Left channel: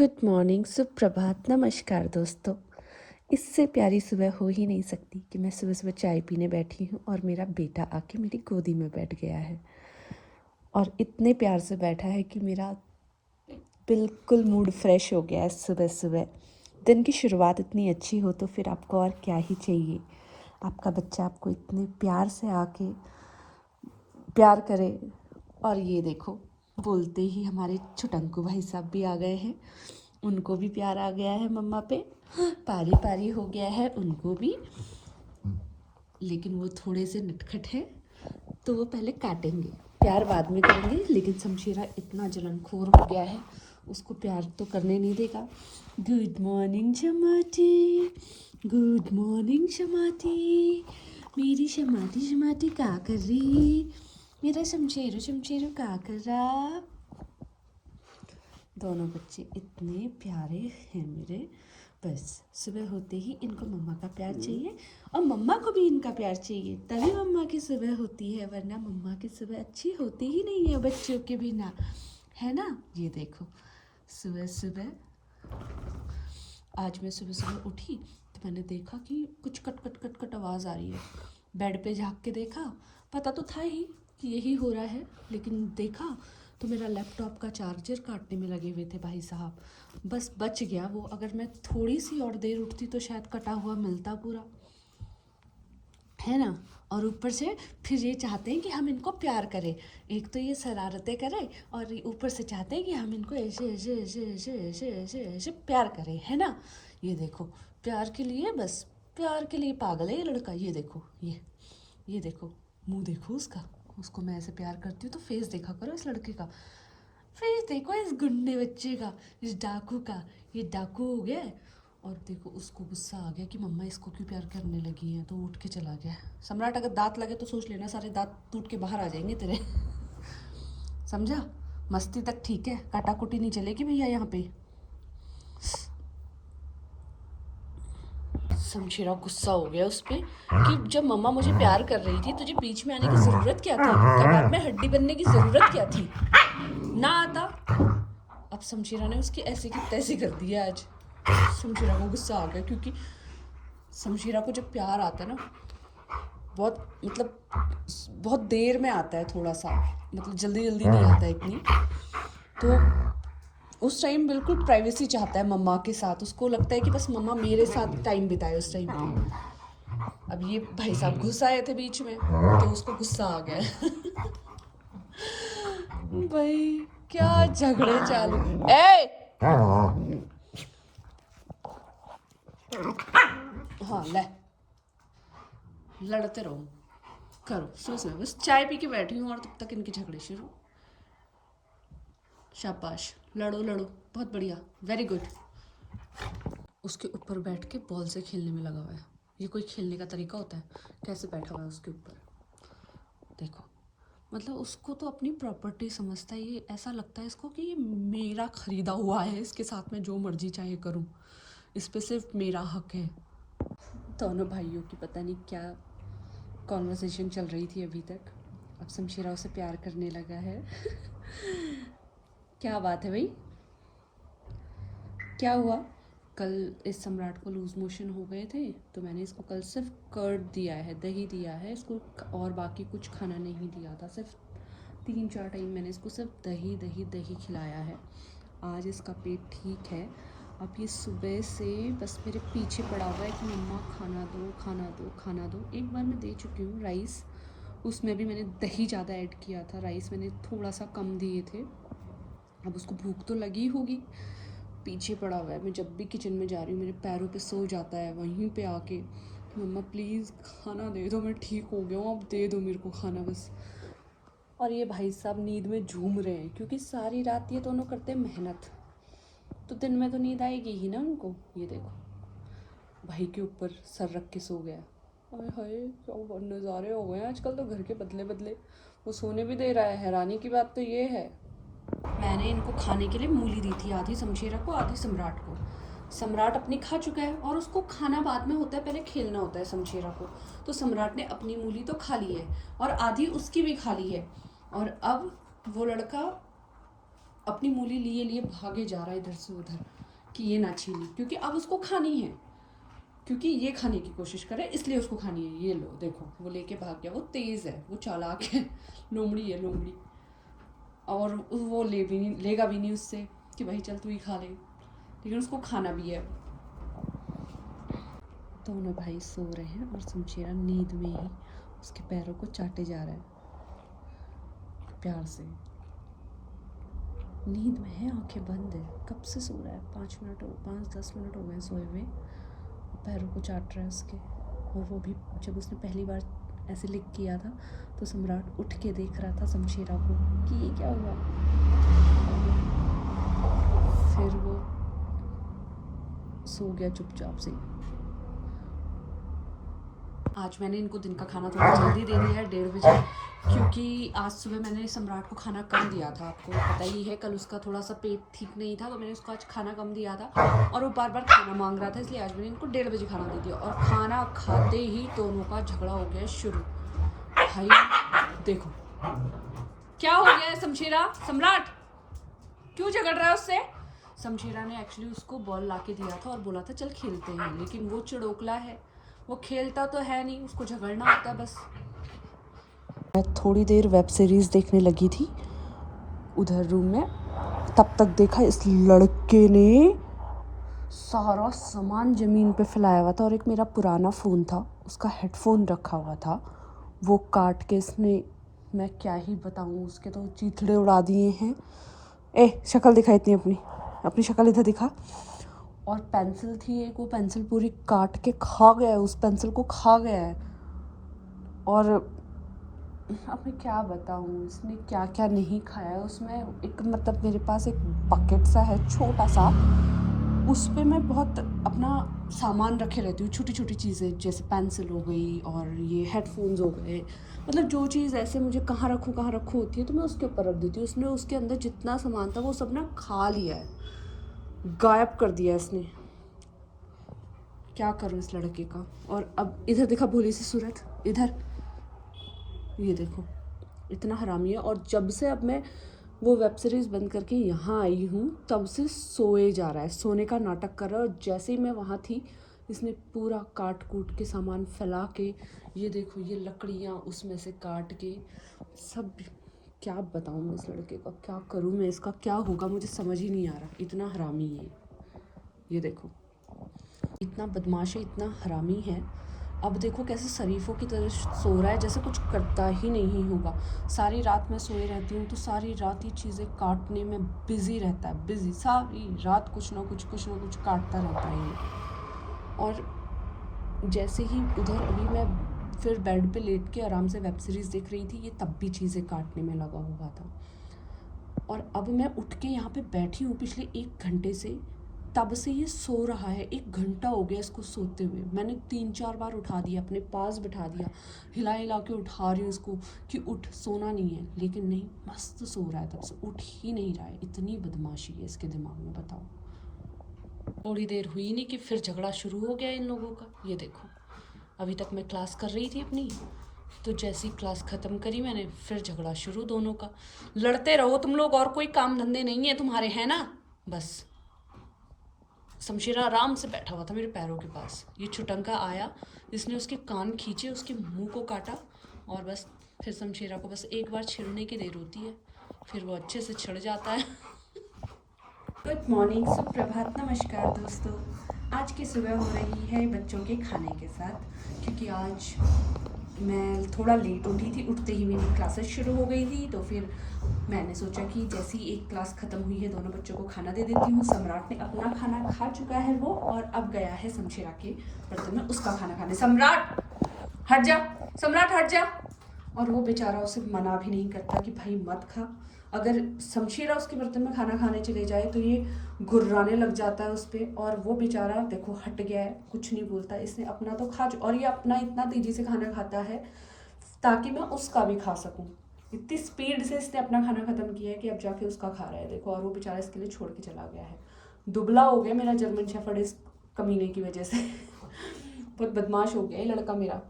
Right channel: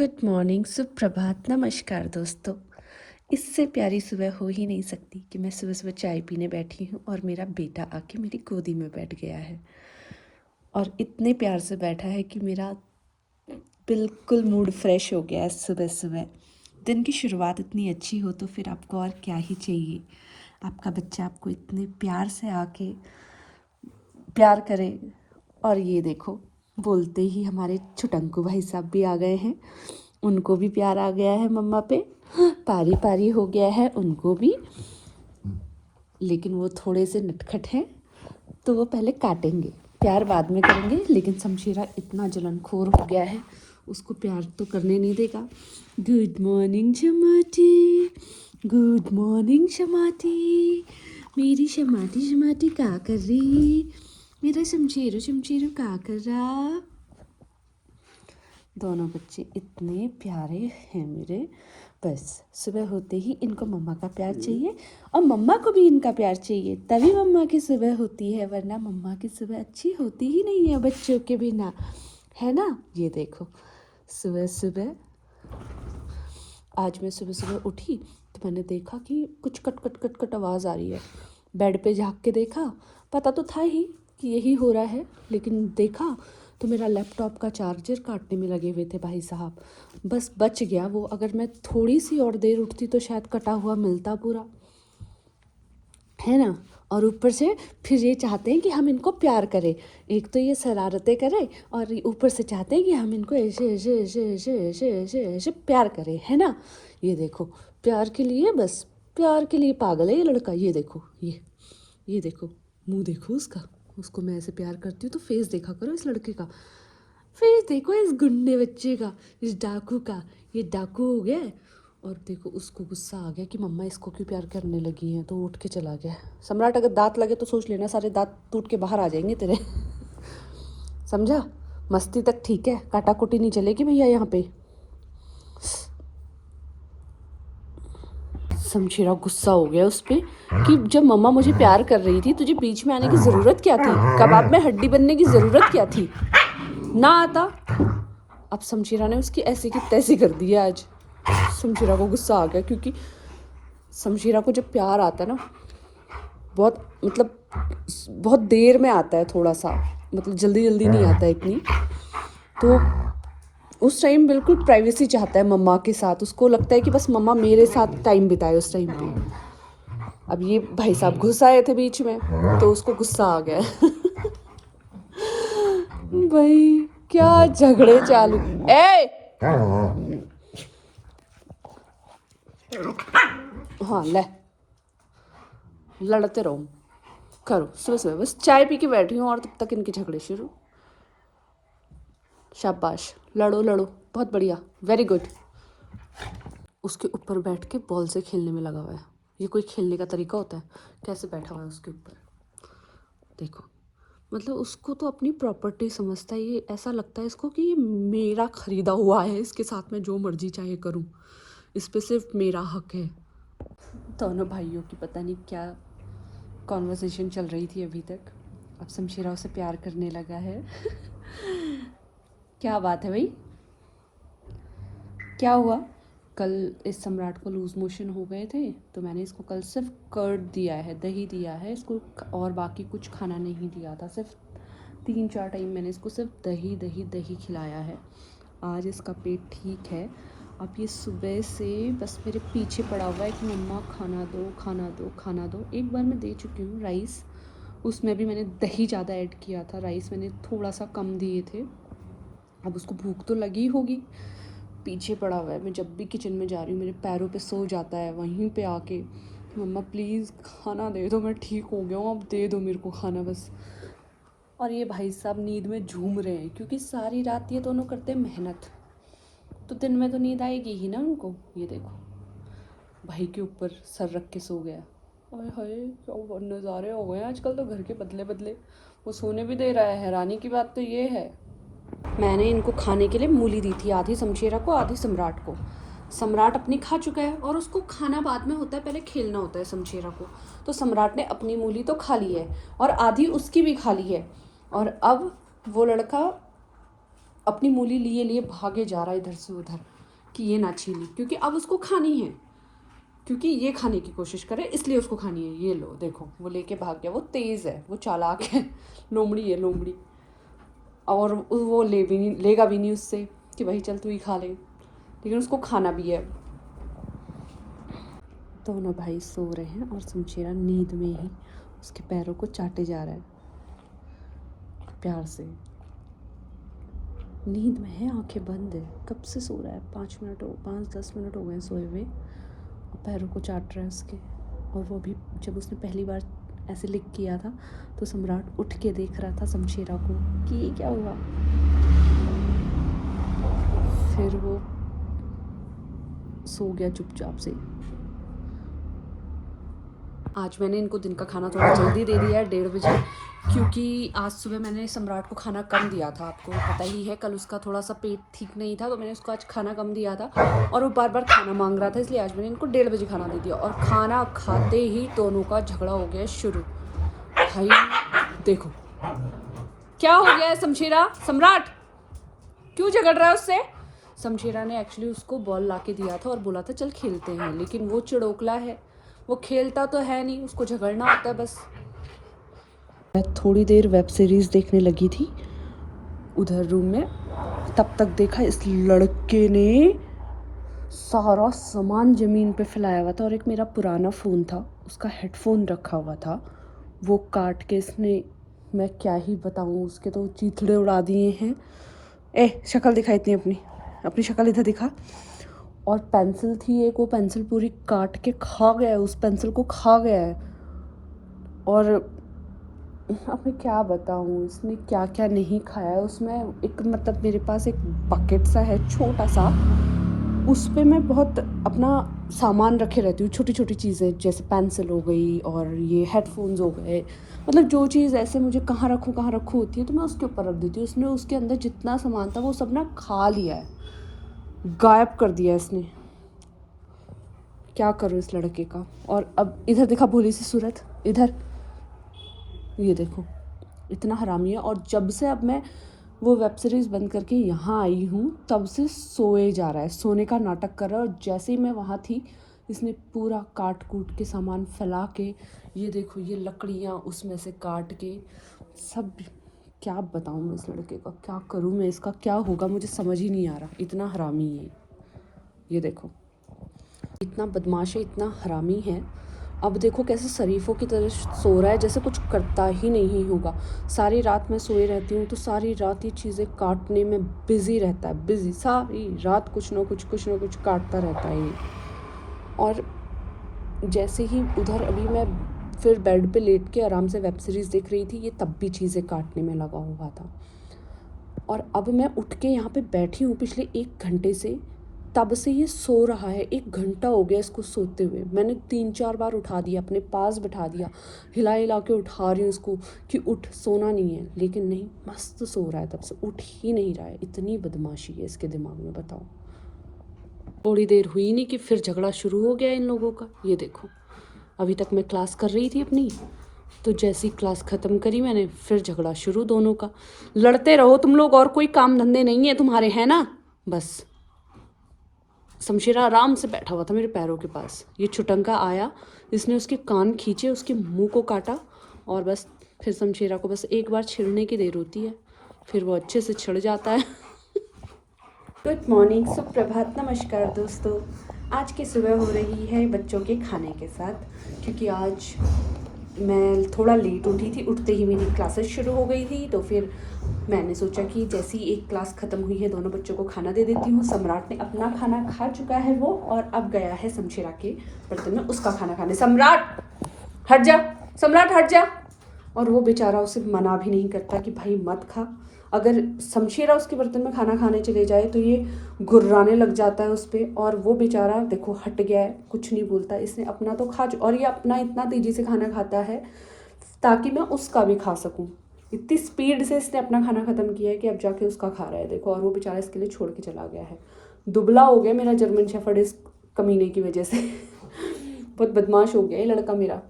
Good morning, सुप्रभात, नमस्कार दोस्तों। इससे प्यारी सुबह हो ही नहीं सकती कि मैं सुबह सुबह चाय पीने बैठी हूँ और मेरा बेटा आके मेरी गोदी में बैठ गया है और इतने प्यार से बैठा है कि मेरा बिल्कुल मूड फ्रेश हो गया है। सुबह सुबह दिन की शुरुआत इतनी अच्छी हो तो फिर आपको और क्या ही चाहिए। आपका बच्चा आपको इतने प्यार से आके प्यार करे। और ये देखो, बोलते ही हमारे छुटंकू भाई साहब भी आ गए हैं। उनको भी प्यार आ गया है मम्मा पे, पारी पारी हो गया है उनको भी। लेकिन वो थोड़े से नटखट हैं तो वो पहले काटेंगे, प्यार बाद में करेंगे। लेकिन शमशेरा इतना जलनखोर हो गया है, उसको प्यार तो करने नहीं देगा। गुड मॉर्निंग शमाटी, गुड मॉर्निंग शमाटी, मेरी शमाटी शमाटी क्या कर रही, मेरा शमशेरो शमशेरो क्या कर रहा। दोनों बच्चे इतने प्यारे हैं मेरे। बस सुबह होते ही इनको मम्मा का प्यार चाहिए और मम्मा को भी इनका प्यार चाहिए, तभी मम्मा की सुबह होती है, वरना मम्मा की सुबह अच्छी होती ही नहीं है बच्चों के बिना, है ना। ये देखो, सुबह सुबह आज मैं सुबह सुबह उठी तो मैंने देखा कि कुछ कट कट कट कट आवाज़ आ रही है। बेड पे झाँक के देखा, पता तो था ही कि यही हो रहा है, लेकिन देखा तो मेरा लैपटॉप का चार्जर काटने में लगे हुए थे भाई साहब। बस बच गया वो, अगर मैं थोड़ी सी और देर उठती तो शायद कटा हुआ मिलता पूरा, है ना। और ऊपर से फिर ये चाहते हैं कि हम इनको प्यार करें। एक तो ये शरारतें करें और ऊपर से चाहते हैं कि हम इनको ऐसे ऐसे ऐसे ऐसे ऐसे ऐसे ऐसे प्यार करें, है ना। ये देखो, प्यार के लिए, बस प्यार के लिए पागल है ये लड़का। ये देखो, ये देखो, मुंह देखो उसका। उसको मैं ऐसे प्यार करती हूँ तो फेस देखा करो इस लड़के का, फेस देखो इस गुंडे बच्चे का, इस डाकू का। ये डाकू हो गया है। और देखो, उसको गुस्सा आ गया कि मम्मा इसको क्यों प्यार करने लगी हैं, तो उठ के चला गया। सम्राट, अगर दांत लगे तो सोच लेना सारे दांत टूट के बाहर आ जाएंगे तेरे। समझा। मस्ती तक ठीक है, काटा कुटी नहीं चलेगी भैया यहाँ पे। शमशेरा गुस्सा हो गया उस पर कि जब मम्मा मुझे प्यार कर रही थी, तुझे बीच में आने की ज़रूरत क्या थी, कबाब में हड्डी बनने की ज़रूरत क्या थी, ना आता। अब शमशेरा ने उसकी ऐसे की तैसे कर दी है आज। शमशेरा को गुस्सा आ गया क्योंकि शमशेरा को जब प्यार आता है ना, बहुत मतलब बहुत देर में आता है, थोड़ा सा मतलब जल्दी जल्दी नहीं आता है इतनी। तो उस टाइम बिल्कुल प्राइवेसी चाहता है मम्मा के साथ, उसको लगता है कि बस मम्मा मेरे साथ टाइम बिताए उस टाइम पे। अब ये भाई साहब घुस आए थे बीच में तो उसको गुस्सा आ गया। भाई क्या झगड़े चालू। ए हाँ, ले लड़ते रहो, करो सुबह सुबह। बस चाय पी के बैठी हूँ और तब तक इनके झगड़े शुरू। शाबाश, लड़ो लड़ो, बहुत बढ़िया, वेरी गुड। उसके ऊपर बैठ के बॉल से खेलने में लगा हुआ है। ये कोई खेलने का तरीका होता है? कैसे बैठा हुआ है उसके ऊपर, देखो। मतलब उसको तो अपनी प्रॉपर्टी समझता है ये, ऐसा लगता है इसको कि ये मेरा खरीदा हुआ है, इसके साथ में जो मर्जी चाहे करूँ, इस पे सिर्फ मेरा हक है। दोनों भाइयों की पता नहीं क्या कॉन्वर्सेशन चल रही थी अभी तक। अब शमशेरा उसे प्यार करने लगा है। क्या बात है भाई, क्या हुआ? कल इस सम्राट को लूज़ मोशन हो गए थे तो मैंने इसको कल सिर्फ कर्ड दिया है, दही दिया है इसको, और बाकी कुछ खाना नहीं दिया था। सिर्फ 3-4 टाइम मैंने इसको सिर्फ दही दही दही खिलाया है। आज इसका पेट ठीक है। अब ये सुबह से बस मेरे पीछे पड़ा हुआ है कि मम्मा खाना दो खाना दो खाना दो। एक बार मैं दे चुकी हूँ राइस, उसमें भी मैंने दही ज़्यादा ऐड किया था, राइस मैंने थोड़ा सा कम दिए थे। अब उसको भूख तो लगी होगी, पीछे पड़ा हुआ है। मैं जब भी किचन में जा रही हूँ मेरे पैरों पे सो जाता है, वहीं पे आके मम्मा प्लीज़ खाना दे दो, मैं ठीक हो गया हूँ, अब दे दो मेरे को खाना बस। और ये भाई साहब नींद में झूम रहे हैं क्योंकि सारी रात ये दोनों करते हैं मेहनत, तो दिन में तो नींद आएगी ही ना उनको। ये देखो, भाई के ऊपर सर रख के सो गया। हाय हाय, क्या नज़ारे हो गए आजकल तो घर के बदले बदले। वो सोने भी दे रहा है, हैरानी की बात तो ये है। मैंने इनको खाने के लिए मूली दी थी, आधी शमशेरा को आधी सम्राट को। सम्राट अपनी खा चुका है और उसको खाना बाद में होता है, पहले खेलना होता है शमशेरा को। तो सम्राट ने अपनी मूली तो खा ली है और आधी उसकी भी खा ली है। और अब वो लड़का अपनी मूली लिए लिए भागे जा रहा है इधर से उधर कि ये ना छीनी, क्योंकि अब उसको खानी है, क्योंकि ये खाने की कोशिश करे इसलिए उसको खानी है। ये लो देखो, वो लेके भाग गया। वो तेज़ है, वो चालाक है, लोमड़ी है लोमड़ी। और वो लेगा भी नहीं उससे कि भाई चल तू ही खा ले, लेकिन उसको खाना भी है। दोनों भाई सो रहे हैं और शमशेरा नींद में ही उसके पैरों को चाटे जा रहा है प्यार से। नींद में है, आंखें बंद है, कब से सो रहा है, 5-10 मिनट हो गए सोए हुए, और पैरों को चाट रहा है उसके। और वो भी जब उसने पहली बार ऐसे लिक किया था तो सम्राट उठ के देख रहा था शमशेरा को कि ये क्या हुआ। फिर वो सो गया चुपचाप से। आज मैंने इनको दिन का खाना थोड़ा जल्दी दे दिया है, 1:30 बजे, क्योंकि आज सुबह मैंने सम्राट को खाना कम दिया था। आपको पता ही है, कल उसका थोड़ा सा पेट ठीक नहीं था, तो मैंने उसको आज खाना कम दिया था और वो बार बार खाना मांग रहा था, इसलिए आज मैंने इनको 1:30 बजे खाना दे दिया। और खाना खाते ही दोनों का झगड़ा हो गया शुरू। भाई देखो क्या हो गया है शमशेरा, सम्राट क्यों झगड़ रहा है उससे। शमशेरा ने एक्चुअली उसको बॉल ला के दिया था और बोला था चल खेलते हैं, लेकिन वो चिड़ोकला है, वो खेलता तो है नहीं, उसको झगड़ना होता है बस। मैं थोड़ी देर वेब सीरीज़ देखने लगी थी उधर रूम में, तब तक देखा इस लड़के ने सारा सामान ज़मीन पे फैलाया हुआ था, और एक मेरा पुराना फ़ोन था, उसका हेडफोन रखा हुआ था, वो काट के इसने, मैं क्या ही बताऊँ, उसके तो चीथड़े उड़ा दिए हैं। शक्ल दिखा इतनी, अपनी शक्ल इधर दिखा। और पेंसिल थी एक, वो पेंसिल पूरी काट के खा गया है, उस पेंसिल को खा गया है। और अब मैं क्या बताऊँ इसने क्या क्या नहीं खाया है। उसमें एक मतलब मेरे पास एक बकेट सा है छोटा सा, उस पर मैं बहुत अपना सामान रखे रहती हूँ, छोटी छोटी चीज़ें, जैसे पेंसिल हो गई और ये हेडफोन्स हो गए, मतलब जो चीज़ ऐसे मुझे कहाँ रखूँ होती है तो मैं उसके ऊपर रख देती हूँ। उसने उसके अंदर जितना सामान था वो सब ना खा लिया है, गायब कर दिया इसने। क्या करूँ इस लड़के का। और अब इधर देखा भोली सी सूरत, इधर ये देखो, इतना हरामी है। और जब से अब मैं वो वेब सीरीज़ बंद करके यहाँ आई हूँ तब से सोए जा रहा है, सोने का नाटक कर रहा है। और जैसे ही मैं वहाँ थी इसने पूरा काट कूट के सामान फैला के, ये देखो ये लकड़ियाँ उसमें से काट के सब। क्या बताऊँ मैं इस लड़के का, क्या करूँ मैं, इसका क्या होगा मुझे समझ ही नहीं आ रहा, इतना हरामी है। ये देखो इतना बदमाश है, इतना हरामी है। अब देखो कैसे शरीफों की तरह सो रहा है, जैसे कुछ करता ही नहीं होगा। सारी रात मैं सोई रहती हूँ तो सारी रात ये चीज़ें काटने में बिज़ी रहता है, बिज़ी सारी रात कुछ ना कुछ काटता रहता है ये। और जैसे ही उधर अभी मैं फिर बेड पे लेट के आराम से वेब सीरीज़ देख रही थी, ये तब भी चीज़ें काटने में लगा हुआ था। और अब मैं उठ के यहाँ पे बैठी हूँ पिछले 1 घंटे से, तब से ये सो रहा है। 1 घंटा हो गया इसको सोते हुए। मैंने 3-4 बार उठा दिया, अपने पास बिठा दिया, हिला हिला के उठा रही हूँ उसको कि उठ, सोना नहीं है, लेकिन नहीं, मस्त सो रहा है, तब से उठ ही नहीं रहा है। इतनी बदमाशी है इसके दिमाग में, बताओ। थोड़ी देर हुई नहीं कि फिर झगड़ा शुरू हो गया इन लोगों का। ये देखो अभी तक मैं क्लास कर रही थी अपनी, तो जैसी क्लास ख़त्म करी मैंने फिर झगड़ा शुरू दोनों का। लड़ते रहो तुम लोग, और कोई काम धंधे नहीं है तुम्हारे, है ना। बस शमशेरा आराम से बैठा हुआ था मेरे पैरों के पास, ये छुटंका आया, इसने उसके कान खींचे, उसके मुंह को काटा, और बस फिर शमशेरा को बस एक बार छिड़ने की देर होती है, फिर वो अच्छे से छिड़ जाता है। गुड मॉर्निंग, सुप्रभात, नमस्कार दोस्तों। आज की सुबह हो रही है बच्चों के खाने के साथ, क्योंकि आज मैं थोड़ा लेट उठी थी, उठते ही मेरी क्लासेस शुरू हो गई थी, तो फिर मैंने सोचा कि जैसे ही एक क्लास ख़त्म हुई है दोनों बच्चों को खाना दे देती हूँ। सम्राट ने अपना खाना खा चुका है वो, और अब गया है शमशेरा के बर्तन में उसका खाना खाने। सम्राट हट जा, सम्राट हट जा। और वो बेचारा उसे मना भी नहीं करता कि भाई मत खा। अगर शमशेरा उसके बर्तन में खाना खाने चले जाए तो ये घुर्राने लग जाता है उस पर, और वो बेचारा देखो हट गया है, कुछ नहीं बोलता। इसने अपना तो खा, और ये अपना इतना तेज़ी से खाना खाता है ताकि मैं उसका भी खा सकूं। इतनी स्पीड से इसने अपना खाना ख़त्म किया है कि अब जाके उसका खा रहा है, देखो। और वो बेचारा इसके लिए छोड़ के चला गया है। दुबला हो गया मेरा जर्मन शेफर्ड इस कमीने की वजह से। बहुत बदमाश हो गया ये लड़का मेरा।